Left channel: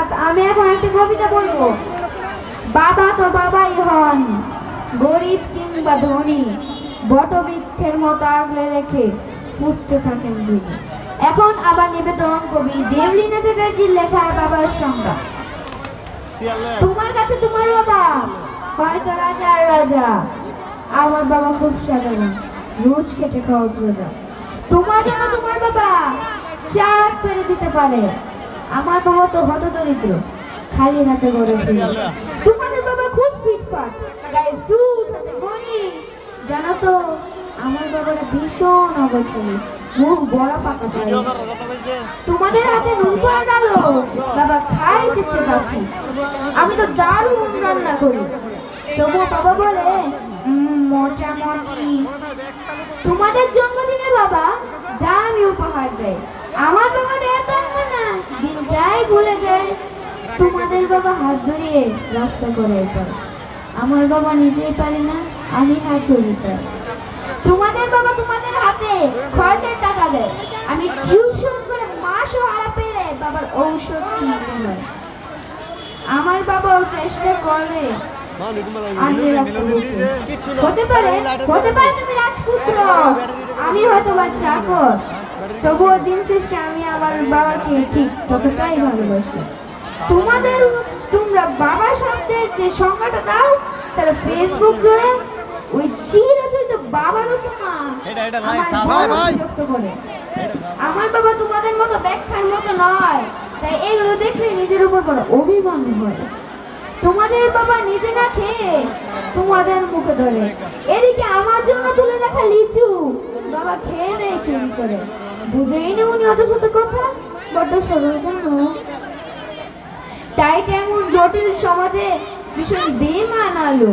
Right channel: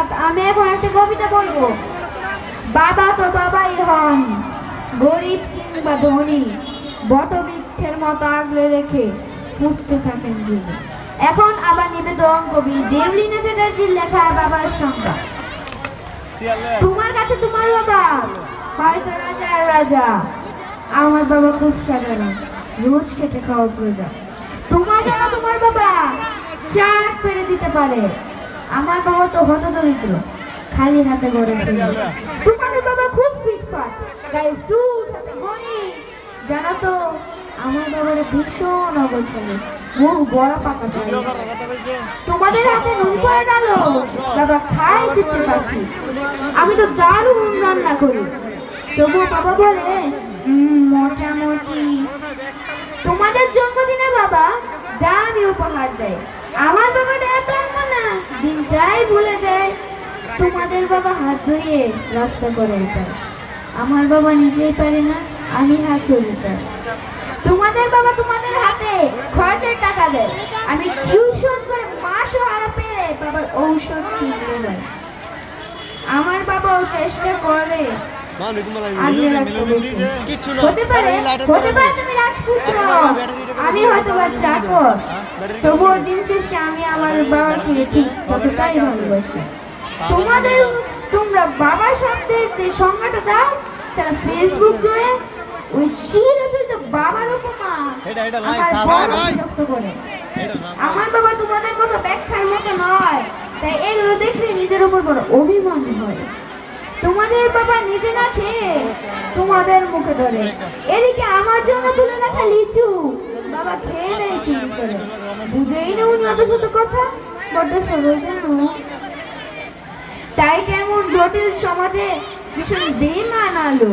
ধন্যবাদ। আমি এখন একটা কবিতা বলবো। বাবা তো বাবাই হন, গরিব কিংবা ধনী, বটবৃক্ষের মতো আগলে রেখে পুঁততে থাকেন জীবন। এখন আবার নিবেদন কবি দেবলীনা চ্যাটার্জির লেখা বাবার সংজ্ঞা। তোমার কাছে তোমার বাবা হয়তো রাজার রাজা, আমার বাবা খুব সাধারণ, রোজ খেটে খাওয়া প্রজা। তোমার জন্য তোমার বাবা চা পেরে দিতে পারে, আমার বাবা তো হত দরিদ্র, খালি হাতে গড়ে ফিরে। তোমাদের বাবা খুব ফিটফাট, গায়ে স্যুট হাতে ঘড়ি। জানো তো আমার বাবারা ভীষণ অগোছালো, মুখ বড় পাকা করে। তোমাদের হাতে নুন পড়ে ডালো, বাবা খায় জিততে পারছি। আমি তো দারুণ রান্না করি, তবুও বাবা বলে মোটামুটি। তোমাদের জন্মদিনে বাবা দামি উপহার দেয়, আমার বাবা এত না, দিনটাই ভুলে যায়। তোমাদের বাবা হাত ধরিয়ে রাস্তা করে এটা, আমার বাবা নিজেই পারে না, আমি হাত ধরি তার। তোমাদের বাবা তোমাদের হাতে খরচের টাকা দেয়, আমি টিউশন করে মাসও হারা পেয়ে বাবার ঔষধ কিনতে যায়। আমার বাবাও চেষ্টা করে হতে পারে তুমি রাজপুত্র, আমি হয়তো বা চাকর, তবুও দিন শেষে আমি আমার বাবাকে ঠিক ততটাই ভালোবাসি। তোমরা বাবা শব্দের যে সংজ্ঞাটা দাও, তারা ফেসবুক জুড়ে ওই চিরচরিত বাবার উপমা বিরক্ত করে। আমার বাবা তোমাদের মতো ব্যাখ্যার মতো নয়, তাই এগুলো দেখলে নিজের উপর বড় অভিমান হয়। তোমাদের বাবা নিজে না খেয়ে তোমাদের মুখে ধরে, এদিকে আমার জন্য তুলে রাখা লিচু বাবা খেয়ে নেয় চুরি করে। বুঝেই না উনি ওদের সাথে কথা, বড্ড সরল জানো। তাই কেমন জটিল সমাজে ভীষণ বেমান আলো,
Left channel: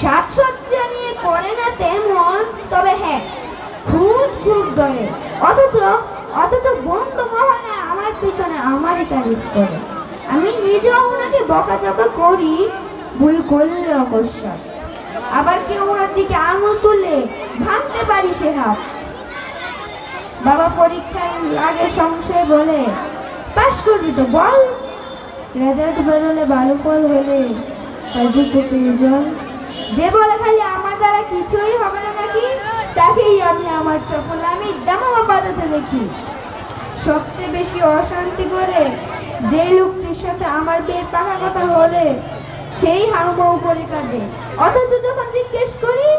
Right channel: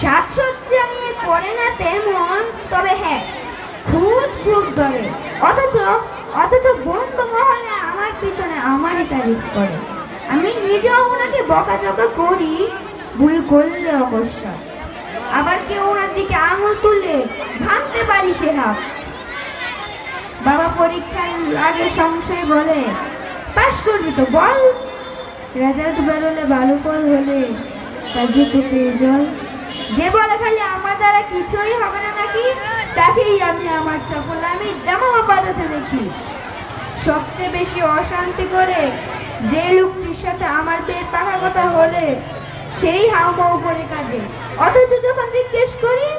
সাজসজ্জা নিয়ে করে না তেমন, তবে হ্যাঁ খুব ধরে। অথচ বন্ধু মহলে আমার পিছনে আমারই তারিফ করে। আমি নিজেও ওনাকে বকাঝকা করি, ভুল করলে অবশ্য। আবার কেউ ওনার দিকে আঙুল তুললে ভাঙতে পারি সে হাত। বাবা পরীক্ষার আগে সংশয় বলে, পাশ করবি তো বল? রেজাল্ট বেরোলে ভালো ফল হলে তার দুটো পেয়ে জল। যে বলে খালি আমার দ্বারা কিছুই হবে না নাকি, তাকেই আমি আমার চপল আমি দামামা বাজাতে দেখি। সবচেয়ে বেশি অশান্তি করে যে লোকটির সাথে আমার পেট পাখার কথা হলে সেই হাউমাউ করে কাঁদে। অথচ যখন জিজ্ঞেস করি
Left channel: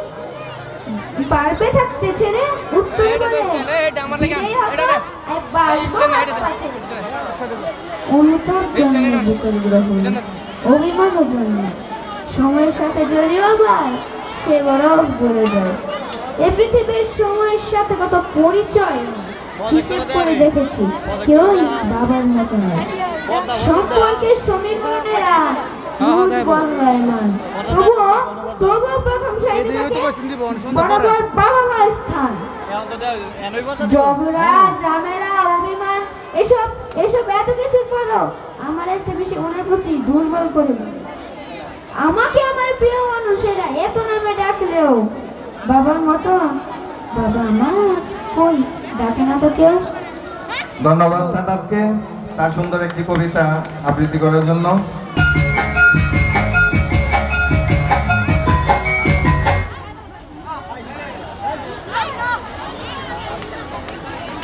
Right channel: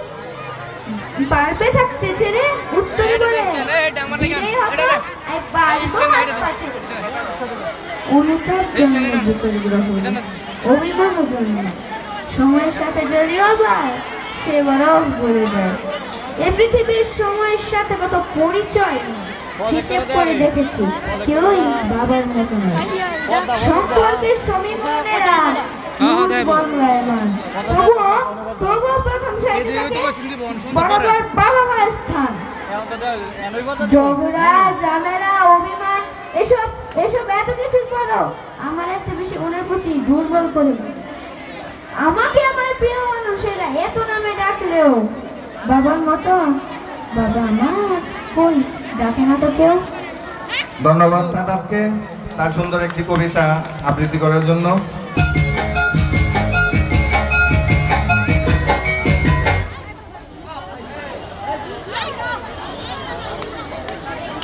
পারবে থাকতে ছেড়ে, উত্তরে বলে অনুতাপ জন্ম বিকল গ্রহণ, অভিমান জন্ম সময়ের সাথে জড়িয়ে আবার সে বরফ গলে যায়। এ পৃথিবীর সময়ের সাথে কত পরিচয় হিসেব করে দেখেছি, কেউ বাবার মতো নয়। সম্পর্কের সমীকরণেরা তবুও প্রথম বাবা মা স্থান। ঝগড়া ঝামেলা অভিমান এসব এত কিছুর পরও আমার একটা বেশি ওনার প্রতি দুর্বল করে। আমাকে আমার প্রিয় মানুষেরা এত নামে ডাকলেও বাবার মতো বাবা আমার কই ডাকে না তো কেউ। ধন্যবাদ সাদাতকে তার সুন্দর একটি কবিতা আবৃত্তি করার জন্য।